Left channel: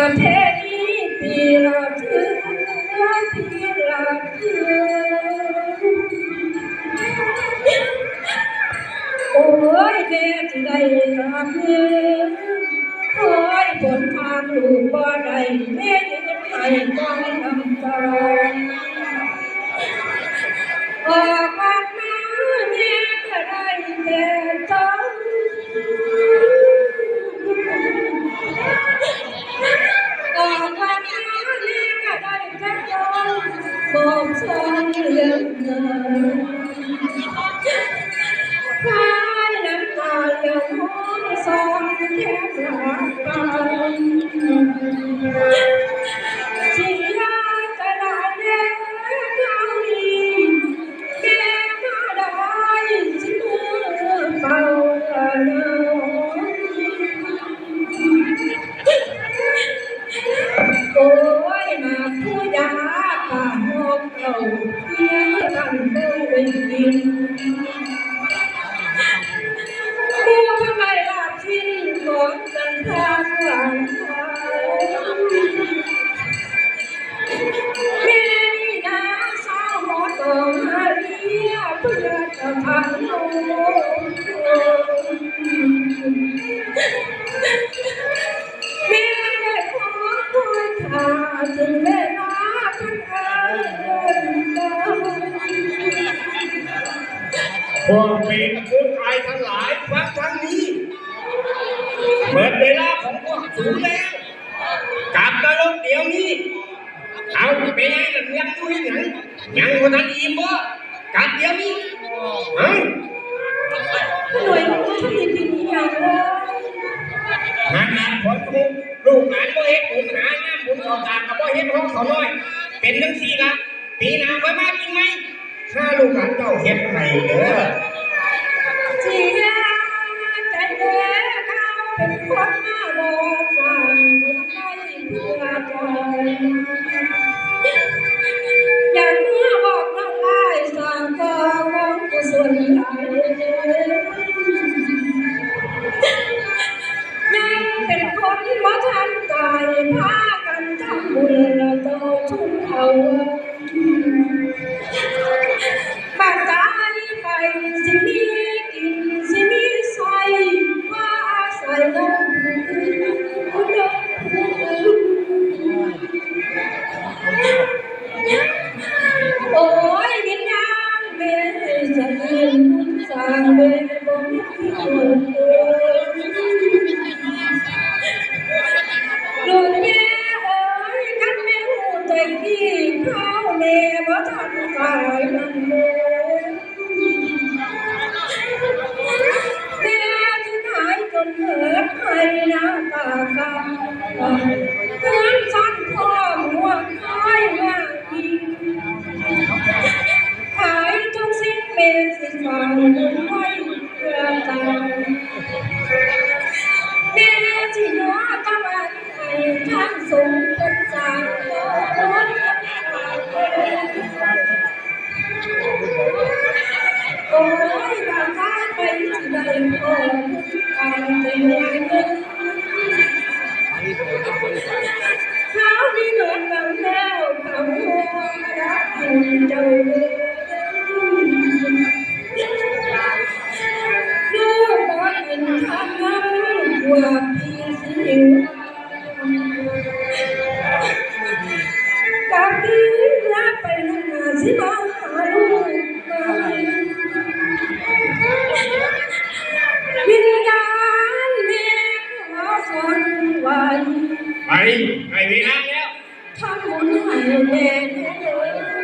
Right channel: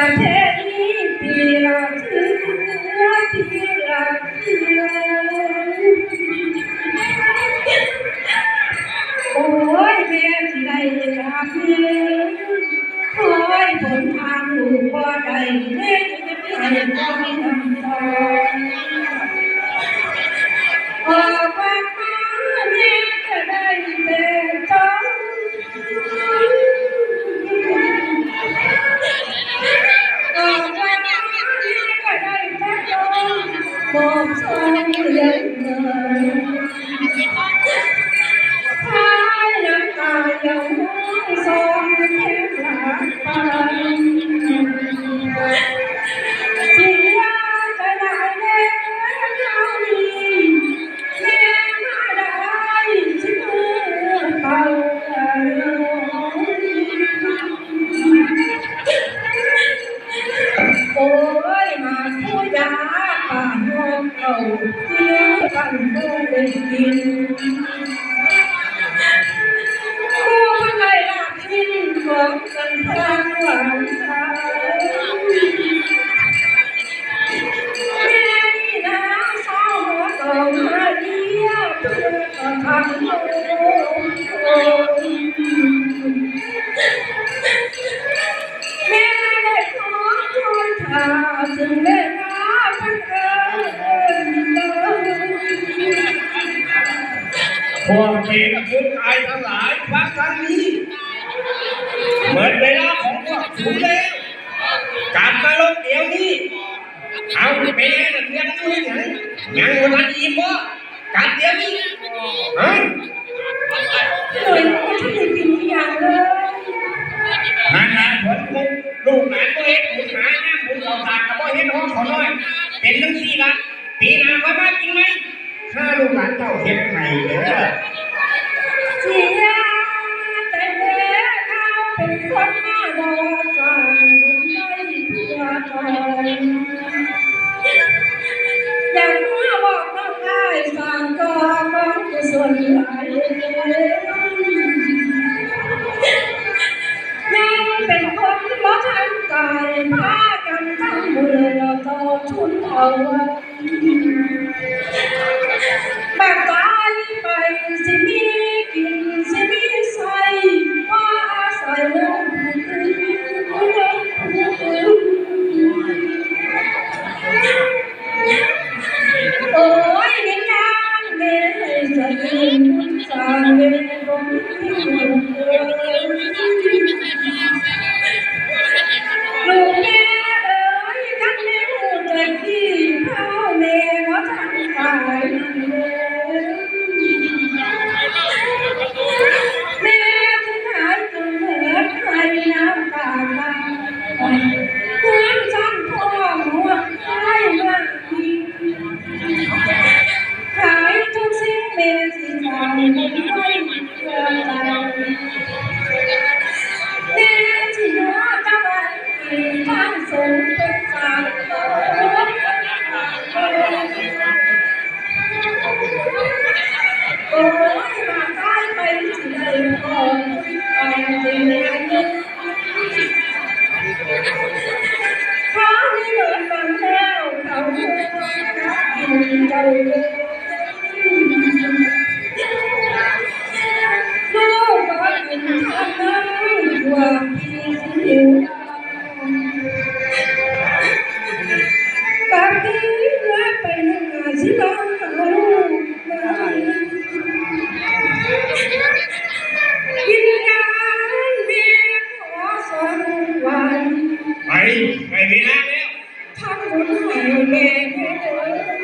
ประเทศนี้ปีละเทือปีละเทือโอ้ยแม่ที่ได้รับเงินโอ้ยผลทางลูกบ่ได้แม่ที่ได้ต้องน้ำตา บอกสองเรื่อ พวกเมฆคือตายทั้งหลายฟังทางนี้เหมือนเวลาของพวกสูแล้วกลับมาลงเดี๋ยวนี้เอาไปแน่เรื่องอยู่ที่ไหนยังวันนั้นอีบ่กลับเดี๋ยวนี้เฮ้ยหน่วยผู้ที่กินอย่างเลยงานงานผลบุญลูกหลานบ่เฮ็ดบุญหาย่ามบุญเขาตากกับบ่เฮ็ดห้องเขาน้อย เป็นจังซี่ละปีหน้าค่อยมากินไหม ถ้าลูกหลานเจ้าเฮ็ดให้เด้อเจียแต่เด็กเขาเป็นคนมาโดนฟังไม่เพื่อใจอยากมาบอกน้องอ้สางก็มองกุศลหลแม่เป็นคนบ่ทันตายพากันทำบุญแล้วโตทุนเอาไว้ ณ với bàn tay mình chỉ đầy khổ Càng tìm lại nhân Khó đi được lần theo Cảm ơn đã nhìn trời Đưa có nhìn thân ơi Quả kỳ xin ไม่มีงานแล้วทำบุญให้แม่เด้